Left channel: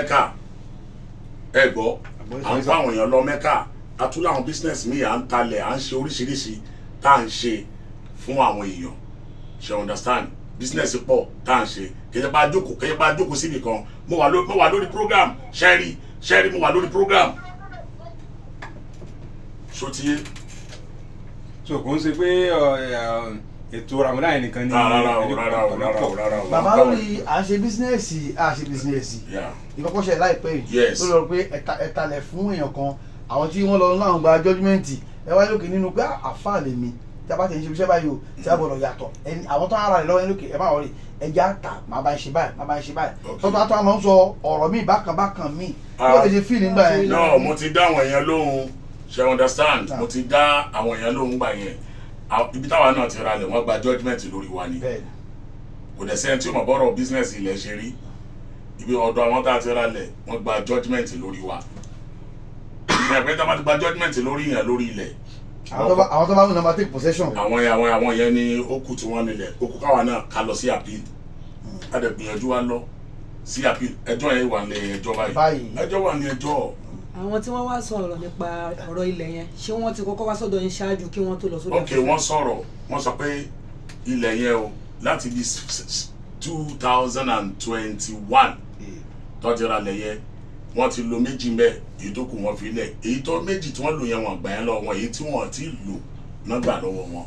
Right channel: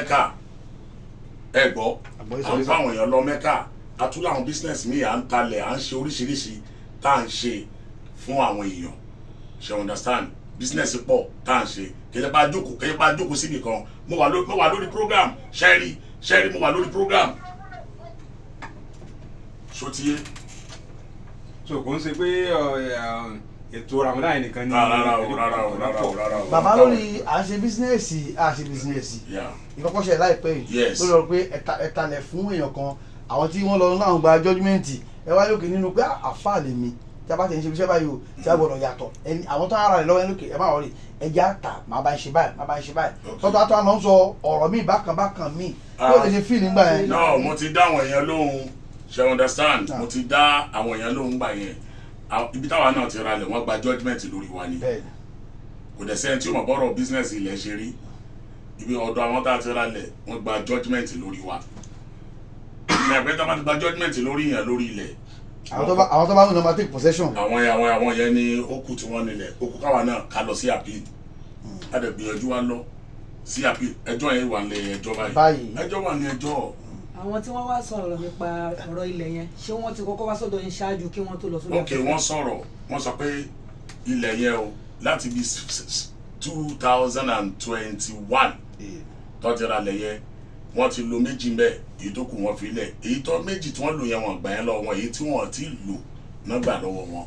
Mẹ́kà ẹ gbọ́ à ń kó àwọn èèyàn lọ Mẹ́kà àtúlọ àwọn business mi à ń talẹ̀ à ń ṣe oríṣiríṣi tá à ń ṣe fún àwọn èèyàn ṣe understand business pọ̀ tá à ń ṣe kẹjẹ bá jókòó síbi kan mo wà lórí program ṣẹ́rí mo wà lórí program ṣótiyé. so kò ń ṣe pé ètò Ramadan yẹn nìkan ni. rárá o. bàbá lórí à ń ṣe bísínẹ́sì ìkọ́kọ́ṣẹ́ láìpẹ́ yìí ló lọ pé ẹ̀talẹ̀ fún èèyàn kan àwọn tí wọ́n lọ láwọn gba jọ́júmẹ́ǹtì ẹ wá lókè nínú pé àfáà lè mi tí a bá ti ń ṣe iṣẹ́ báyìí o tí a gbọ́dọ̀ yàtọ̀ ẹni àwọn tó ń ara rẹ̀ lọ́wọ́ ẹni lókè ẹ má wọlé ẹja àtà máa bá ń ṣe báyìí tọ́tọ́ àtọ́ àná ń sọ ọ̀rọ̀ míì bákan míì ló lè ṣe fíìlì ńgbà yẹn. no mo ti dá àwọn èèyàn lóhùn ṣe understand mo ti dá àwọn èèyàn lóhùn gbà yẹn ibi táwa náà ti ralẹ̀ wọ́n gba judgement lórí wa ni kò dẹ̀ sẹ́ni tí ó mọ̀ bọ́rọ̀ business ilẹ̀ ṣe rí ibi ọ̀dọ̀ àwọn tá a ti ralẹ̀ wọ́n gba judgement lórí wa ẹgbẹ́ tó bá ti gba judgement lórí yẹn lórí ilẹ̀. àwọn tó bá ń lọ take possession. àwọn yẹn ni ó kù tí wọ́n nílẹ̀ ó kù káwa náà ká lọ sí appeal a dẹ̀ gbìyànjú wa lọ sí appeal ẹjọ́ yẹn wà ní ẹjọ́ báyìí ẹjọ́ wà ní ẹjọ́. àwọn tí wọ́n wá sọ̀rọ̀ nípa ọ̀rọ̀ ilẹ̀ yẹn ṣé wọ́n ti kọ́kọ́ wá sọ́dọ̀ yín ṣáájú kí wọ́n tó lọ sódò. ok wọ́n sọ̀rọ̀ wọ́n sọ pé ilẹ̀ yẹn o láti bí 2021 tọ́jú ra lẹ̀ yẹn wọ́n ti lo méjì mbẹ́ èyí tó kù wọ́n fi lẹ̀ èyí tó méjì tí wọ́n lò yẹn wọ́n gbà yẹn lọ́wọ́ wọn èyí tí wọ́n ti lò náà gbà lọ́wọ́ wọn.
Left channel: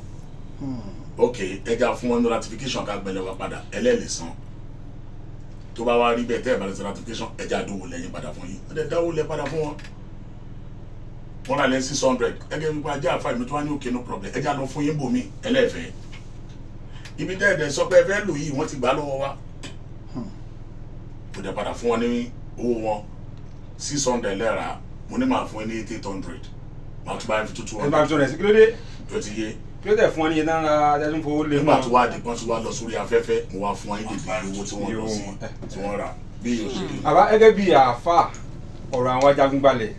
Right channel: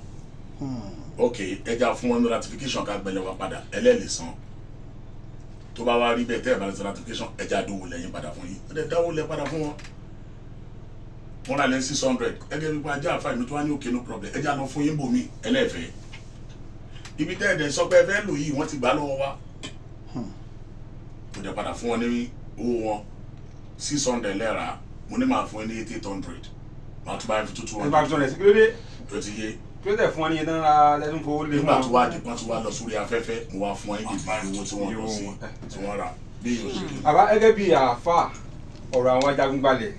ok ẹja fún wọn ní ratification ká gbẹlẹ̀ wá padà ẹlẹ́ẹ̀lì san tó bá wá rí bẹ́ẹ̀ tẹ́ ẹ̀ bá lè ṣe ratification ẹja dówó lẹ́yìn padà fún yìí ẹ̀ dáwó lẹ́ padà fún wọn. wọ́n rà lẹ́ 600 ẹgẹ́ wípé ajá àfáà mi tó wá ní òkè no problem ẹja lọ fún yín bòmí ẹlẹ́ẹ̀fẹ́ ibi tẹ́ ẹ̀dẹ̀ sọ pé ẹ fẹ́ lò yìí wọ́n ti gbà lọ́wọ́ wa kò dẹ̀ padà fún wọn ní owó wọn 600 lẹ́ra mo ní máa fún ẹ ní 800 máa tún bá yẹn fi tútù wọn. nígbà tó rẹ̀ sí kí ló dé. tó ti yé. kí ló dé fún ọ ní yẹn náà ra ẹdún fowó lé. nígbà tó wá di pọ́n tó wá lọ sórí afẹ́fẹ́ mo wá fún ẹ ní owó tí wọ́n lọ sí tí wọ́n rà bí yóò ṣe. àbá gẹ́gẹ́ bí àáfà ọ̀rọ̀ àwọn ajagunbalẹ̀